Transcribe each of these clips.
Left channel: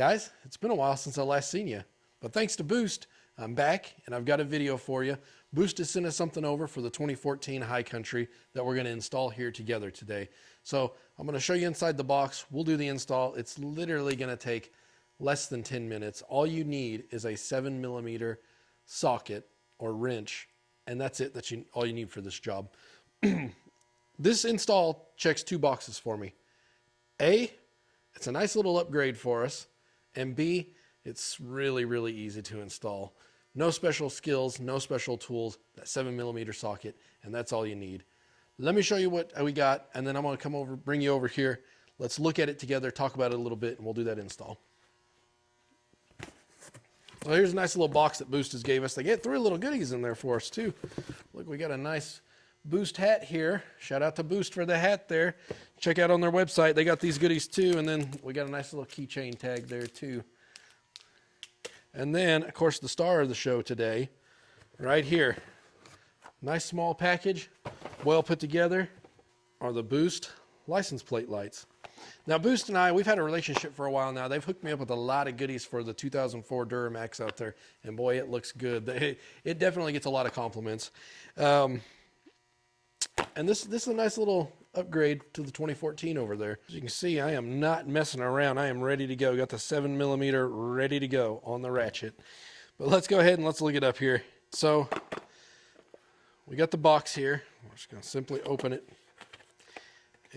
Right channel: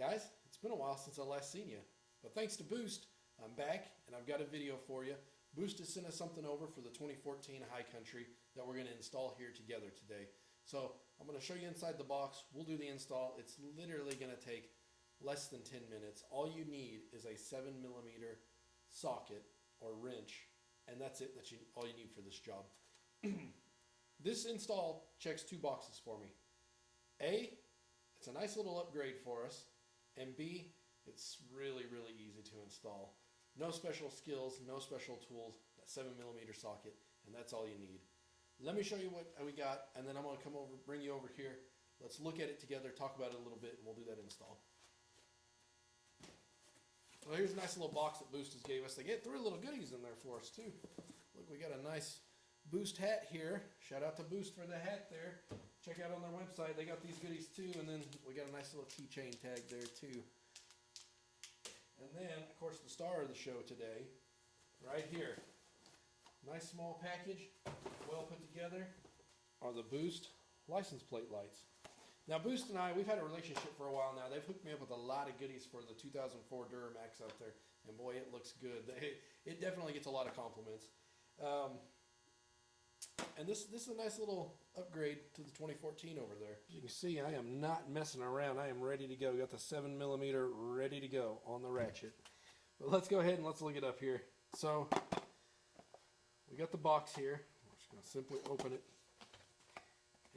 Guys, it's been a while since I last seen you, but thanks to Boost, I'm back and I've got a video for you. Boost has sent us something over for the 2014 High Country that we're going to install here together today. So I'm going to show you inside the box. We'll do the install. It's literally going to take less than 10 minutes. All you need is a 7mm socket or wrench, and that's it. All you need for this job. This install checks two boxes for me. A, it's a nice little upgrade for us. And B, it's really, really easy to install. No special skills, no special tools, that 7mm socket, and that's all you need. Let me show you what we got, and then I'm going to come over, bring you over here. Let's look at it together, talk about it a little bit, and we'll do that install. Well, here's a nice little box that Boost has gave us. They get 3 little goodies in there for us, too. Look, we got a nice Boost hat here. Shout out to Boost for the hat there. Check out on their website. They got these goodies too. And then we got a nice little keychain tag there too. And then, of course, the star of the show today, right here. Nice small package, well put together, are the Boost license plate lights. Now, Boost and I, we've had a relationship for a while now. They've hooked me up with a lot of goodies for the 2004 Duramax out there. And boy, it looks good. It definitely gets a lot of compliments. And this is a nice little upgrade to the 2014 over there. As you can see, I am not messing around. I am ready to go. Got the 7mm ready to go on the ratchet. But let's go ahead and let's look it up here. So we got the box here. We're just going to simply open it.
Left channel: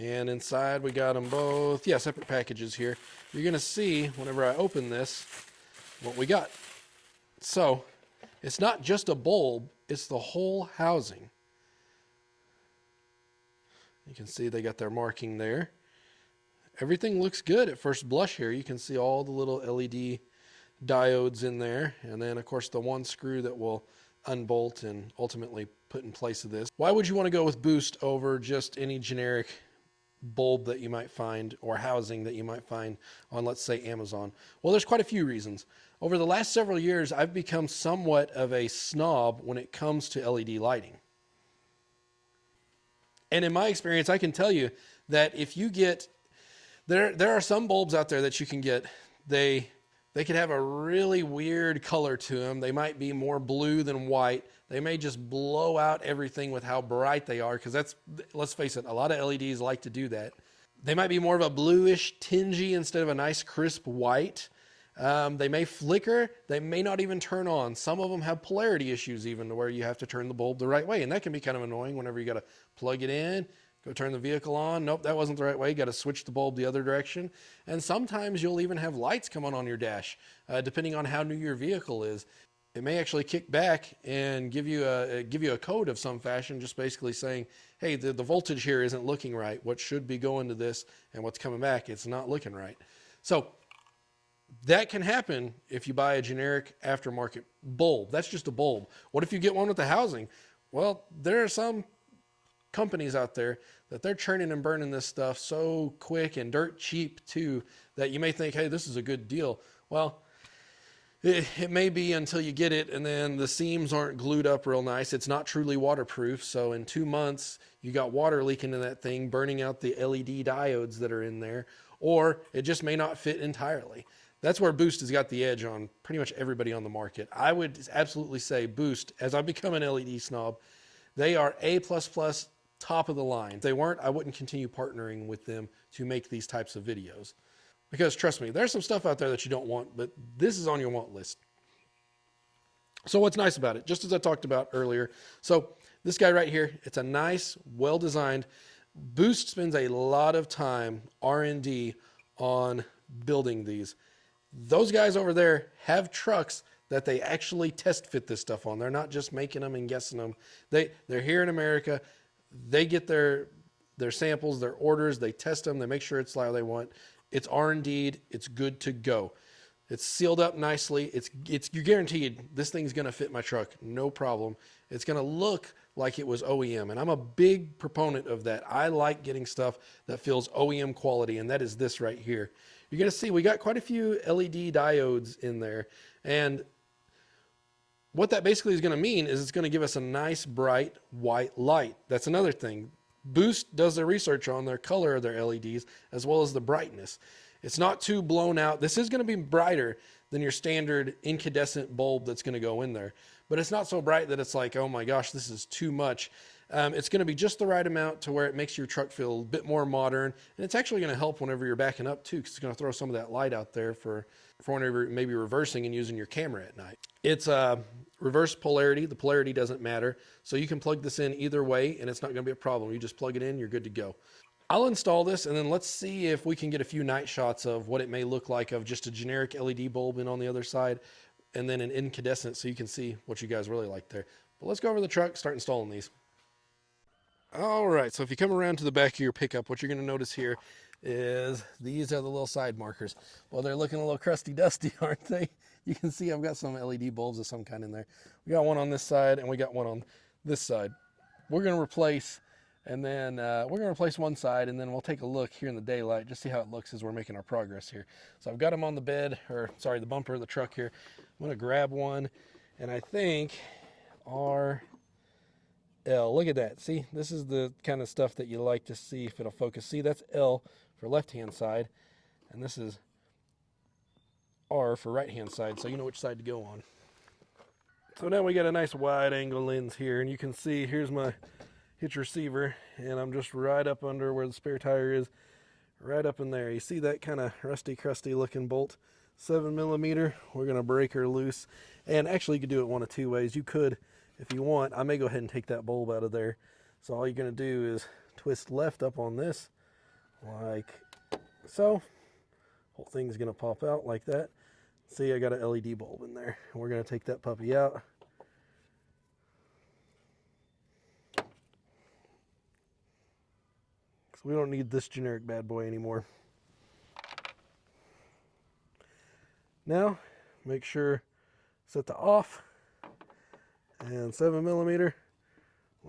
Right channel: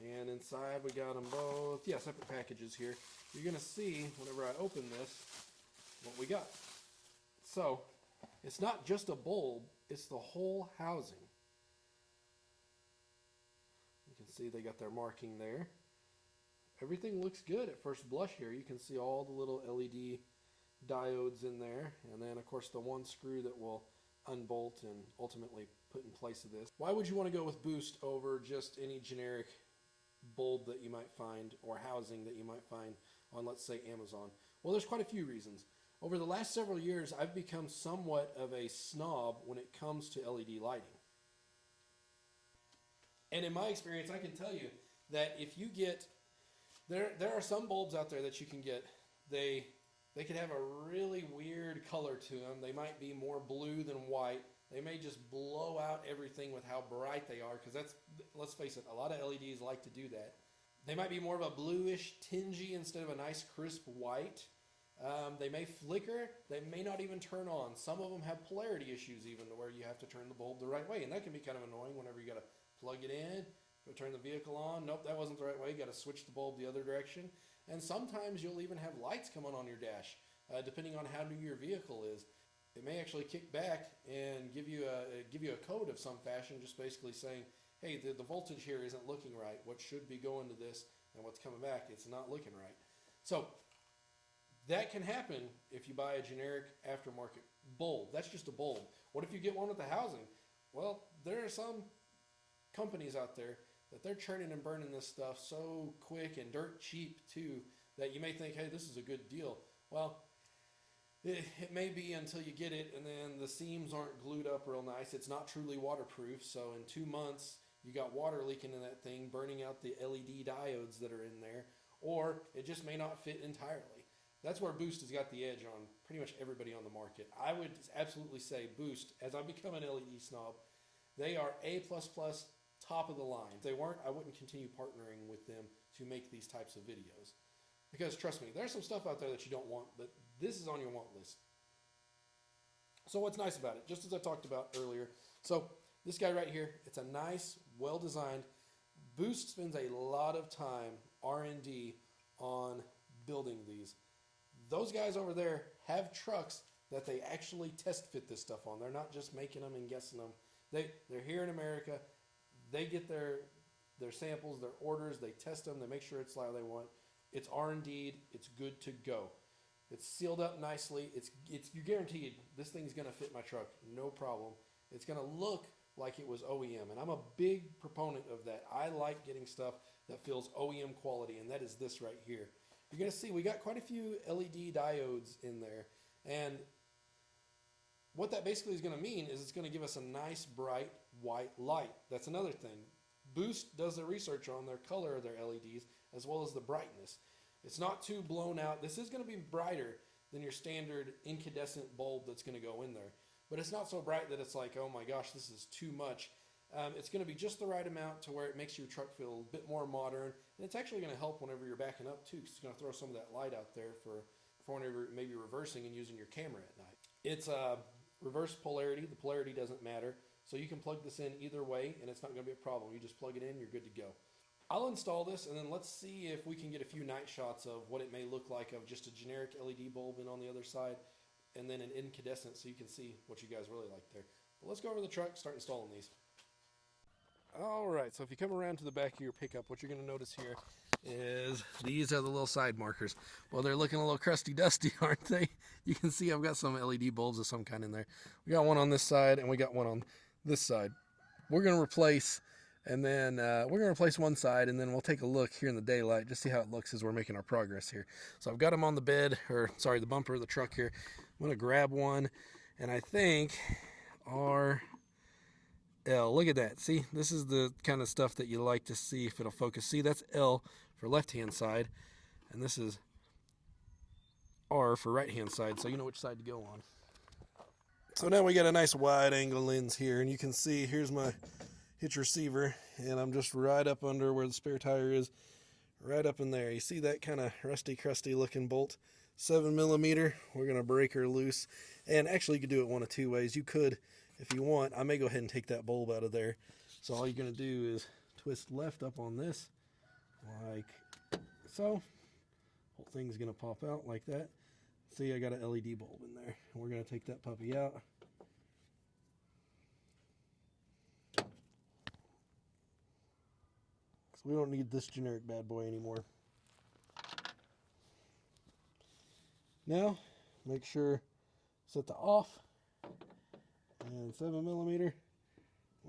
And inside we got them both, separate packages here. You're going to see whenever I open this what we got. So it's not just a bulb, it's the whole housing. You can see they got their marking there. Everything looks good at first blush here. You can see all the little LED diodes in there. And then, of course, the one screw that will unbolt and ultimately put in place of this. Why would you want to go with Boost over just any generic bulb that you might find or housing that you might find on, let's say, Amazon? Well, there's quite a few reasons. Over the last several years, I've become somewhat of a snob when it comes to LED lighting. And in my experience, I can tell you that if you get, there are some bulbs out there that you can get, they could have a really weird color to them. They might be more blue than white. They may just blow out everything with how bright they are, because that's, let's face it, a lot of LEDs like to do that. They might be more of a bluish, tingy instead of a nice crisp white. They may flicker. They may not even turn on. Some of them have polarity issues even, to where you have to turn the bulb the right way, and that can be kind of annoying whenever you got to plug it in, go turn the vehicle on. Nope, that wasn't the right way. You got to switch the bulb the other direction. And sometimes you'll even have lights come on your dash, depending on how new your vehicle is. It may actually kick back and give you a code of some fashion, just basically saying, hey, the voltage here isn't looking right. What should be going to this and what's coming back, it's not looking right. So that can happen if you buy a generic aftermarket bulb. That's just a bulb. What if you get one with the housing? Well, there are some companies out there that they're churning and burning this stuff so quick and dirt cheap too, that you may think, hey, this is a good deal. Well, it may be until you get it and then the seams aren't glued up real nice. It's not truly waterproof. So in 2 months, you got water leaking in that thing, burning out the LED diodes that are in there, or it just may not fit entirely. That's where Boost has got the edge on pretty much everybody on the market. I would absolutely say Boost, as I become an LED snob, they are A++, top of the line. If they weren't, I wouldn't continue partnering with them to make these types of videos. Because trust me, there's some stuff out there that you don't want, but this is on your want list. So what's nice about it? Just as I talked about earlier. So this guy right here, it's a nice, well-designed. Boost spends a lot of time, R&D, on building these. Those guys over there have trucks that they actually test fit this stuff on. They're not just making them and guessing them. They're here in America. They get their samples, their orders, they test them, they make sure it's how they want. It's R&D'd, it's good to go. It's sealed up nicely. You're guaranteed this thing's gonna fit my truck, no problem. It's gonna look like it was OEM, and I'm a big proponent of that. I like getting stuff that feels OEM quality, and that is this right here. You're gonna see we got quite a few LED diodes in there, and what that basically is going to mean is it's going to give us a nice bright white light. That's another thing. Boost does their research on their color of their LEDs as well as the brightness. It's not too blown out. This is going to be brighter than your standard incandescent bulb that's going to go in there. But it's not so bright that it's like, oh my gosh, this is too much. It's going to be just the right amount to where it makes your truck feel a bit more modern. And it's actually going to help whenever you're backing up too, because it's going to throw some of that light out there for whenever maybe reversing and using your camera at night. It's reverse polarity. The polarity doesn't matter. So you can plug this in either way and it's not going to be a problem. You just plug it in, you're good to go. I'll install this and then let's see if we can get a few night shots of what it may look like of just a generic LED bulb in on the other side and then an incandescent so you can see what you guys really like there. But let's go over the truck, start installing these. All right, so if you come around to the back of your pickup, what you're going to notice here is these are the little side markers. Well, they're looking a little crusty dusty, aren't they? You can see I've got some LED bulbs of some kind in there. We got one on this side and we got one on this side. We're going to replace, and then we're going to replace one side, and then we'll take a look here in the daylight, just see how it looks as we're making our progress here. So I've got them on the bed, or sorry, the bumper of the truck here. I'm going to grab one, and I think our L. Look at that. See, this is the kind of stuff that you like to see if it'll focus. See, that's L for left-hand side, and this is R for right-hand side, so you know which side to go on. So now we got a nice wide-angle lens here, and you can see here's my hitch receiver, and I'm just right up under where the spare tire is, right up in there. You see that kind of rusty, crusty looking bolt? 7mm. We're going to break her loose, and actually you could do it one of two ways. You could, if you want, I may go ahead and take that bulb out of there. So all you're going to do is twist left up on this, like so. Whole thing's going to pop out like that. See, I got an LED bulb in there. We're going to take that puppy out. So we don't need this generic bad boy anymore. Now, make sure set the off. And 7mm.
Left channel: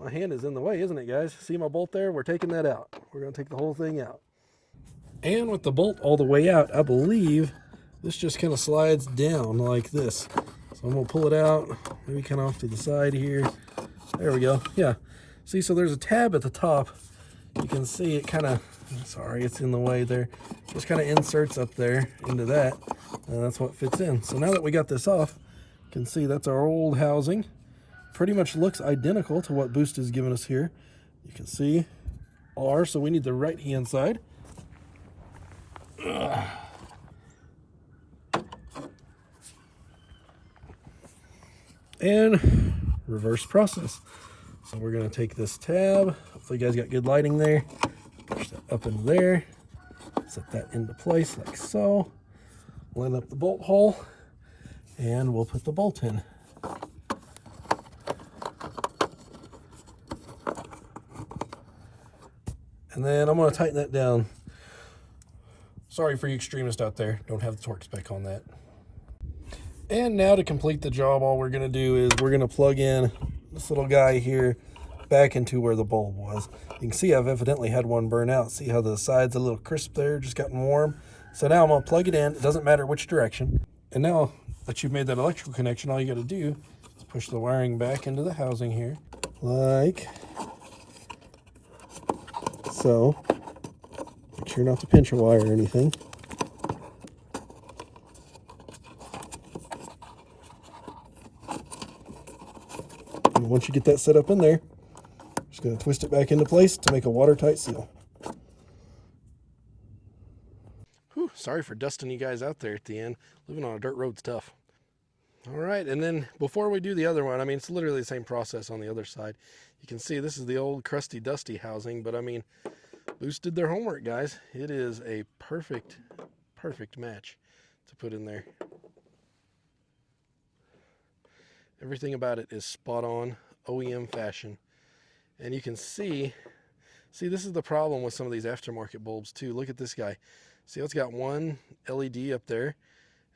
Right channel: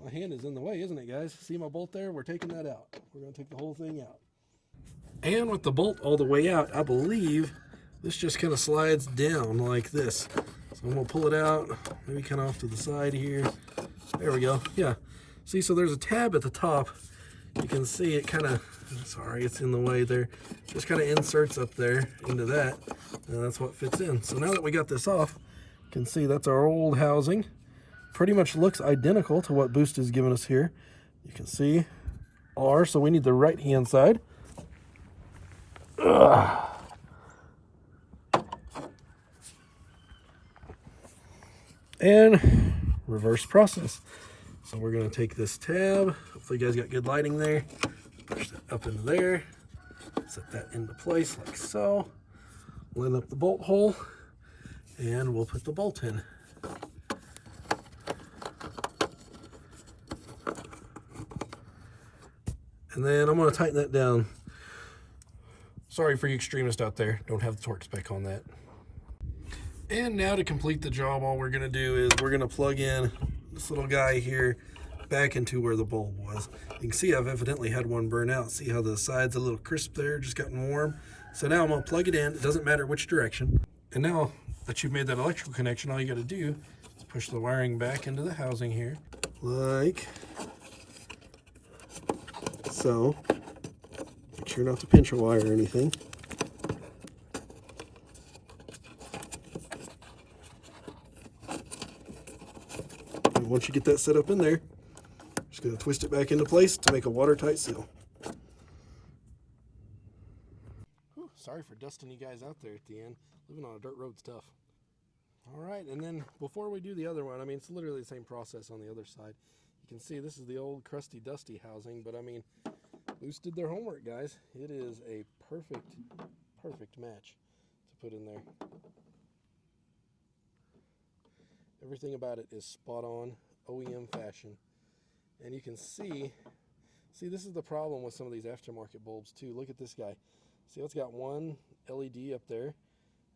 My hand is in the way, isn't it, guys? See my bolt there? We're taking that out. We're going to take the whole thing out. And with the bolt all the way out, I believe this just kind of slides down like this. So I'm going to pull it out, maybe kind of off to the side here. There we go. Yeah. See, so there's a tab at the top. You can see it kind of, sorry, it's in the way there. Just kind of inserts up there into that. And that's what fits in. So now that we got this off, you can see that's our old housing. Pretty much looks identical to what Boost has given us here. You can see R, so we need the right-hand side. Ugh. And reverse process. So we're going to take this tab. Hopefully you guys got good lighting there. Push that up into there. Set that into place like so. Line up the bolt hole. And we'll put the bolt in. And then I'm going to tighten that down. Sorry for you extremists out there. Don't have the torque spec on that. And now to complete the job, all we're going to do is we're going to plug in this little guy here back into where the bulb was. You can see I've evidently had one burn out. See how the side's a little crisp there, just gotten warm. So now I'm going to plug it in. It doesn't matter which direction. And now that you've made that electrical connection, all you got to do is push the wiring back into the housing here, like so. Make sure not to pinch a wire or anything. And once you get that set up in there, just going to twist it back into place to make a watertight seal. Whew, sorry for dusting you guys out there at the end. Living on a dirt road's tough. All right, and then before we do the other one, I mean, it's literally the same process on the other side. You can see this is the old crusty dusty housing, but I mean, Boost did their homework, guys. It is a perfect match to put in there. Everything about it is spot on, OEM fashion. And you can see this is the problem with some of these aftermarket bulbs too. Look at this guy. See how it's got one LED up there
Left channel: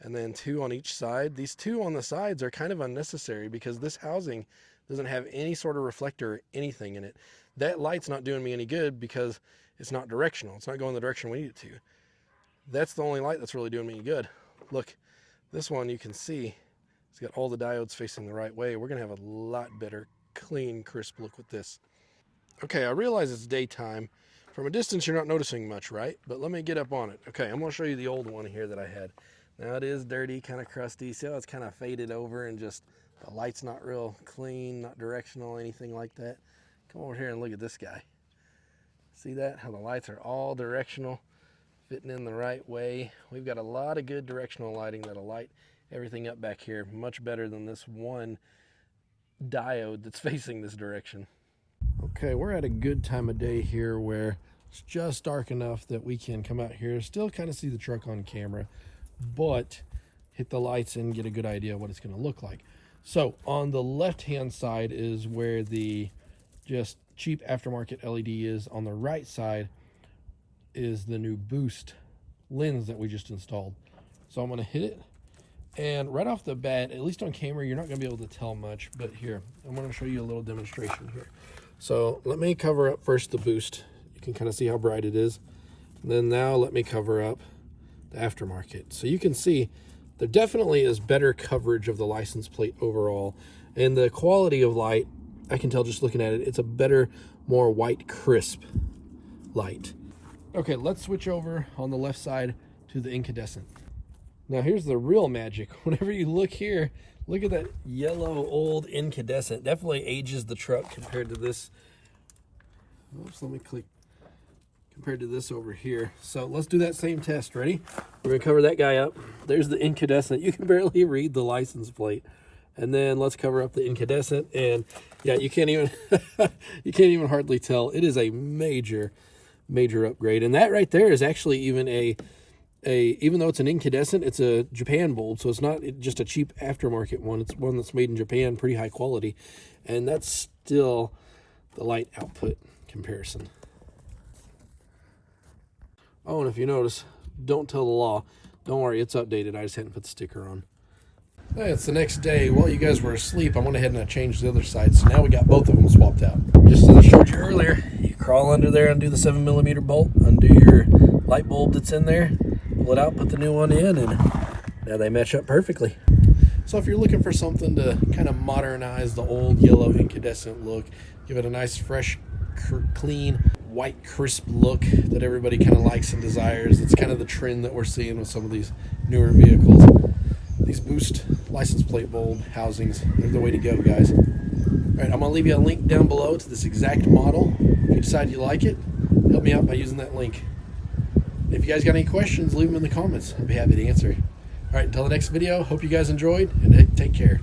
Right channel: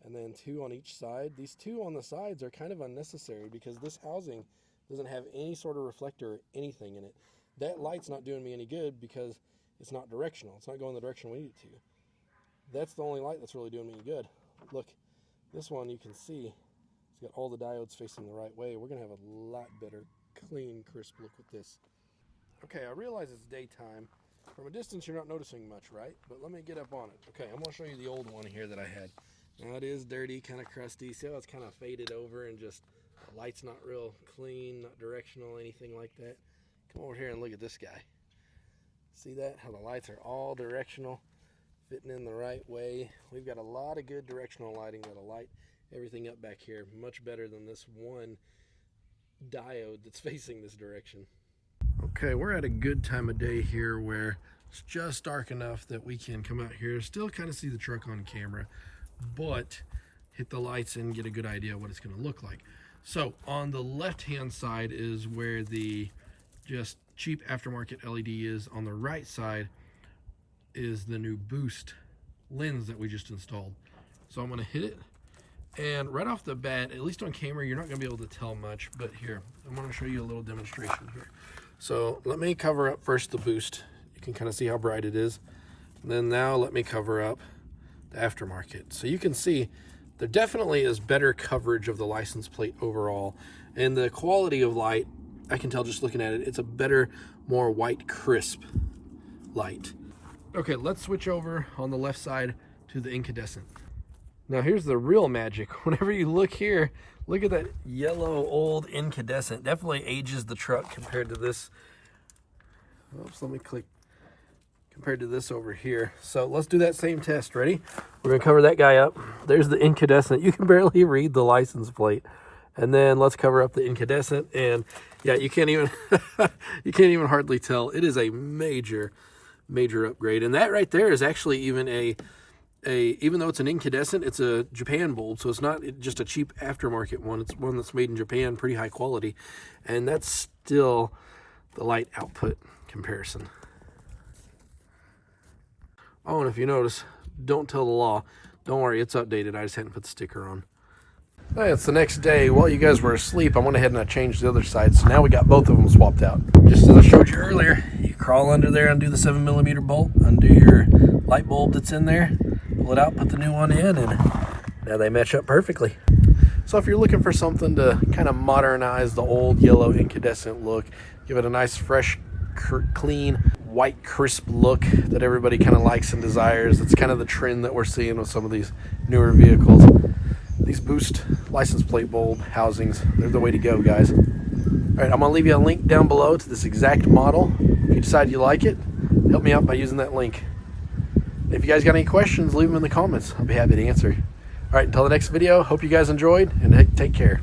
and then two on each side. These two on the sides are kind of unnecessary because this housing doesn't have any sort of reflector or anything in it. That light's not doing me any good because it's not directional. It's not going the direction we need it to. That's the only light that's really doing me any good. Look, this one you can see it's got all the diodes facing the right way. We're going to have a lot better, clean, crisp look with this. Okay, I realize it's daytime From a distance, you're not noticing much, right? But let me get up on it. Okay, I'm gonna show you the old one here that I had. Now it is dirty, kind of crusty. See how it's kind of faded over and just the light's not real clean, not directional, anything like that. Come over here and look at this guy. See that? How the lights are all directional, fitting in the right way. We've got a lot of good directional lighting that'll light everything up back here much better than this one diode that's facing this direction. Okay, we're at a good time of day here where it's just dark enough that we can come out here, still kind of see the truck on camera, but hit the lights and get a good idea of what it's going to look like. So on the left hand side is where the just cheap aftermarket LED is. On the right side is the new boost lens that we just installed. So I'm going to hit it, and right off the bat, at least on camera, you're not going to be able to tell much, but here, I'm going to show you a little demonstration here. So let me cover up first the boost. You can kind of see how bright it is. And then now let me cover up the aftermarket. So you can see there definitely is better coverage of the license plate overall. And the quality of light, I can tell just looking at it, it's a better, more white, crisp light. Okay, let's switch over on the left side to the incandescent. Now here's the real magic. Whenever you look here, look at that yellow old incandescent. Definitely ages the truck compared to this. Oops, let me click. Compared to this over here. So let's do that same test. Ready? We're gonna cover that guy up. There's the incandescent. You can barely read the license plate. And then let's cover up the incandescent. And yeah, you can't even you can't even hardly tell. It is a major upgrade. And that right there is actually even even though it's an incandescent, it's a Japan bulb, so it's not just a cheap aftermarket one. It's one that's made in Japan, pretty high quality, and that's still the light output comparison. Oh, and if you notice, don't tell the law. Don't worry, it's updated. I just hadn't put the sticker on. Hey, it's the next day. While you guys were asleep, I went ahead and I changed the other side, so now we got both of them swapped out. Just as I showed you earlier, you crawl under there, undo the 7mm bolt, undo your light bulb that's in there, pull it out, put the new one in, and now they match up perfectly. So if you're looking for something to kind of modernize the old yellow incandescent look, give it a nice, fresh, clean, white, crisp look that everybody kind of likes and desires. It's kind of the trend that we're seeing with some of these newer vehicles. These boost license plate bulb housings, they're the way to go, guys. All right, I'm gonna leave you a link down below to this exact model. If you decide you like it, help me out by using that link. If you guys got any questions, leave them in the comments. I'll be happy to answer. All right, until the next video, hope you guys enjoyed, and take care.